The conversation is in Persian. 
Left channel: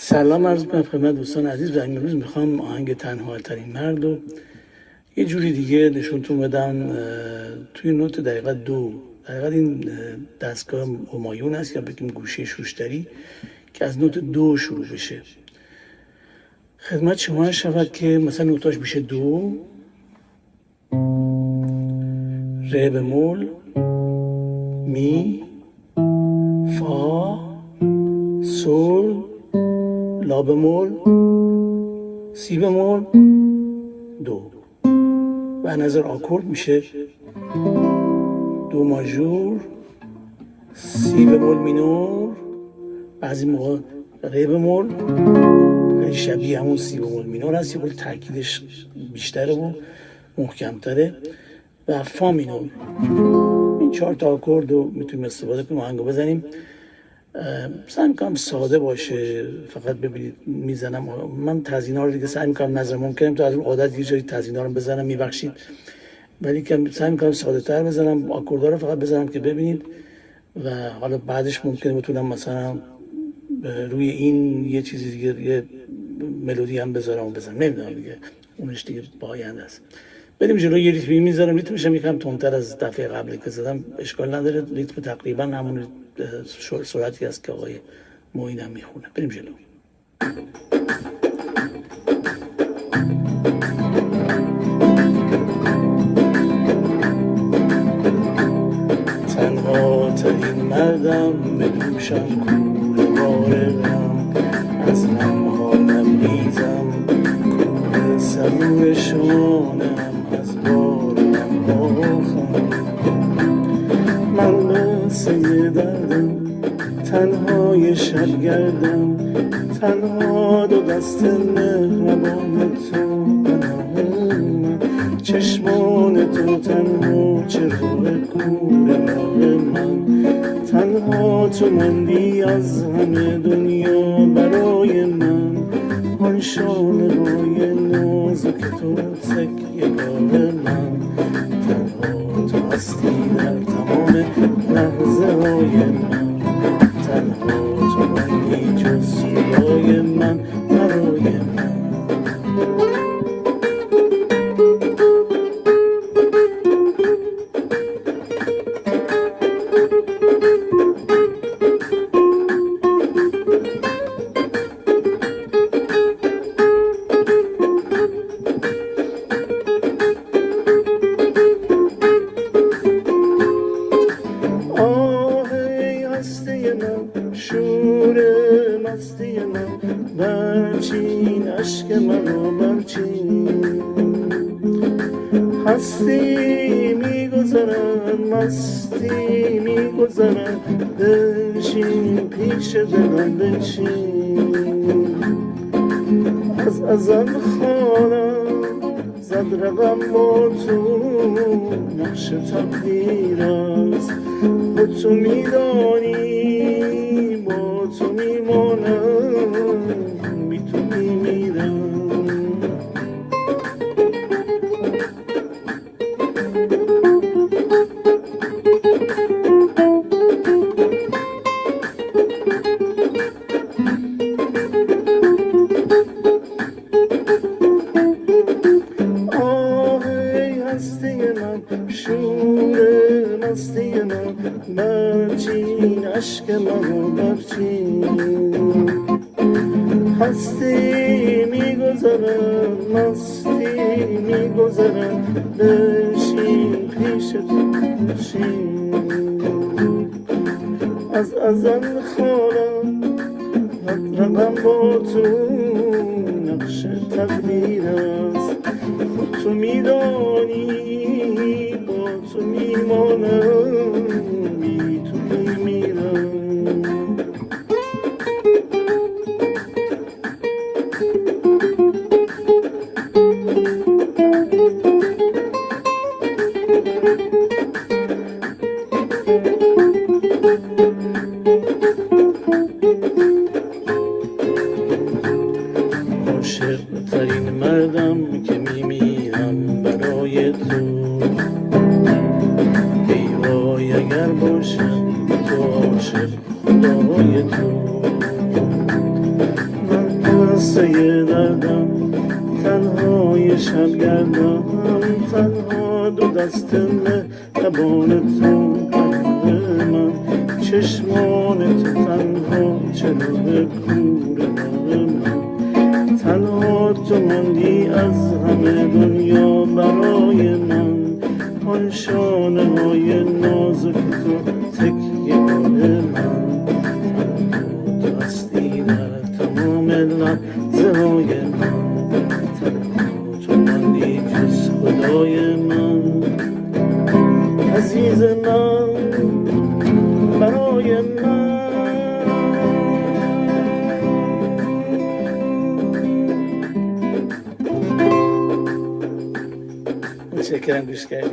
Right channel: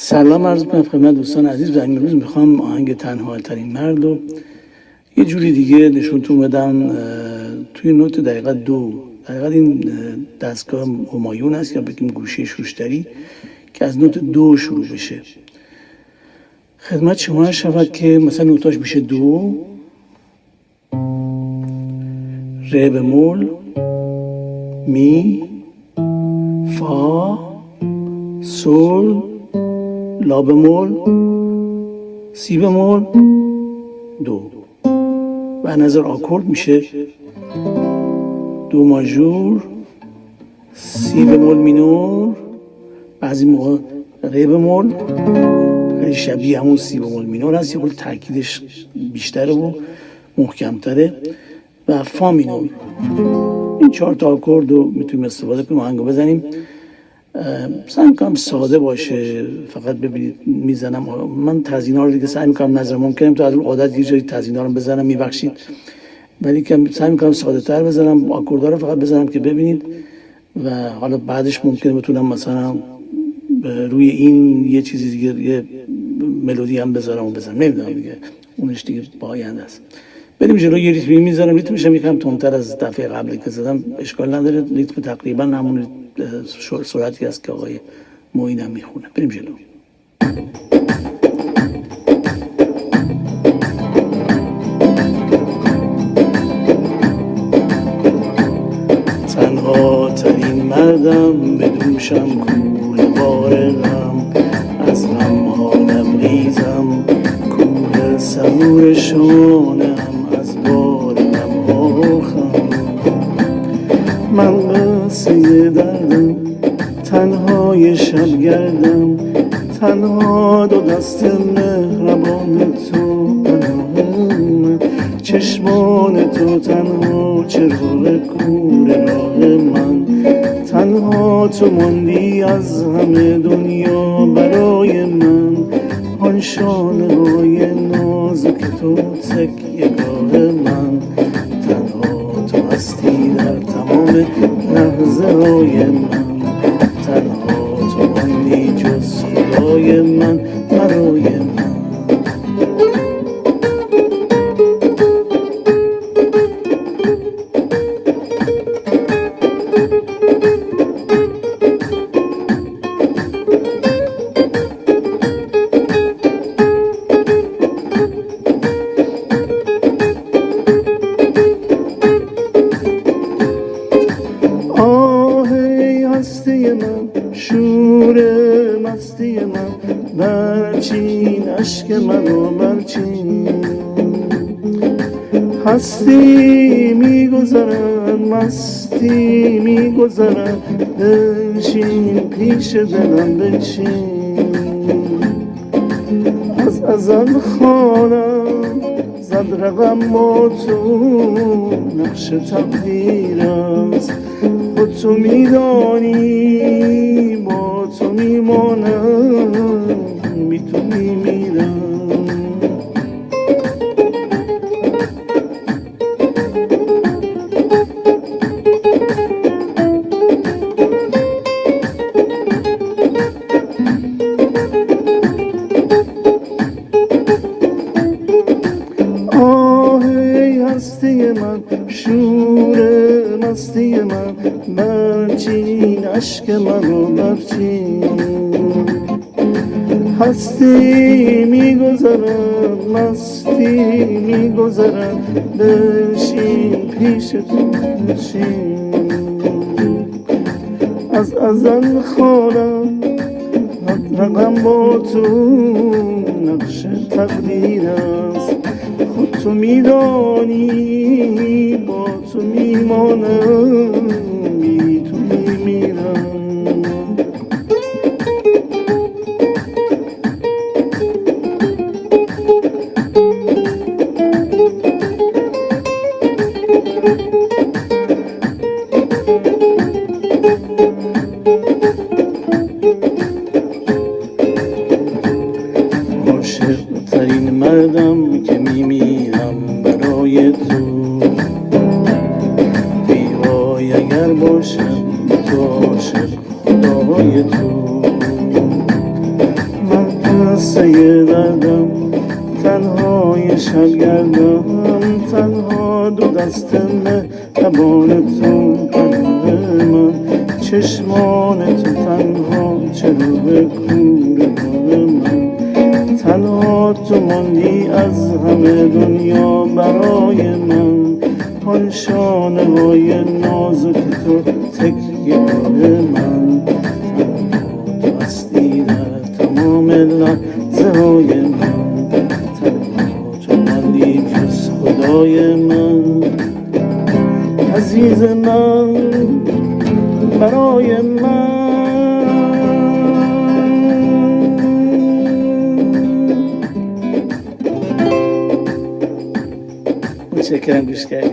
سلام عرض می‌کنم خدمت دوستان عزیز و امروز میخوام آهنگ تنهاترین مرد رو یه جوری دیگه نشونتون بدم توی نوت دقیقا دو. دقیقا این دستگاه همایون هست یا بگیم گوشه شوشتری که از نوت دو شروع بشه. خدمت شما شود که مثلا نوتاش میشه دو، ره بمول، می، فا، سول، لا بمول، سی بمول، دو. و نظر آکورد میشه دو ماژور، سی بمول مینور، بعضی موقع ره بمول، خیلی شبیه همون سی بمول مینور هست، یه خود ترکیبش بیشتره و محکمتره، و فا مینور. این 4 تا آکورد رو میتونیم استفاده کنیم آهنگو بزنیم. سعی میکنم ساده باشه، فقط ببینید میزنم. من تزیینا رو دیگه سعی میکنم نظر ممکنه تو از اون عادت یه جایی تزیینا رو بزنم، میبخشید، ولی که سعی میکنم ساده تر بزنم، آکوردها رو فقط بزنم که ببینید. و حالا بعدش ممکنه بتونم مثلا روی این یه چیزی دیگه، یه ملودی هم بذارم و بزنم، نمیدونم دیگه، اونش دیگه با آینده است. بریم جلو. یه ریتمی میذارم، ریتمش هم یکم تندتر از دفعه قبلی که زدم، اشکال نداره، ریتم تقریبا همون سرعتی است که آقای معین هم میخونه. بریم جلو. تنها ترین مردم به دوشم کوه غارقم، از غمها لبریزم کوه سبور شانم، از بار غمها خم من قصه دردم، تنهای شب گردم، تنها دو دست مهربان تو بنام، چشمان تو تنها چراغ کور راه من، تنها تو ماندی از همه دنیا برای من، آن شانه های نازک تو تکیه گاه من، تنها تو هستی در تمام لحظه های من، تنها تو ماندی جز خدای من برای من. برچین عشق منو برچین، هستی میگذرن مستی میگذرن، بنشین پیش دلم بنشین، از ازل خانم زد رقم با تو، نقش تقدیر است خود تو میدانی، با تو میمانم بی تو میمیرم. آهی هستی من، شور مستی من، برچین عشق منو برچین، هستی میگذرد مستی میگذرد، بنشین پیش تو بنشین، از ازل خانم رقم با تو، نقش تقدیر است خود تو میدانی، با تو میمانم بی تو میمیرم. عاشق ترین مردم شبگردان تنها دو دست مهربان تو قرار من چشمان تو تنها چراغ کور من تنها تو ماندی از همه دنیا برای من آن شانه های نازک تو تکیه من تنها تو هستی در تمام لحظه های من تنها تو ماندی جز خدای من عزیز من برای من متشکرم گوش کردید.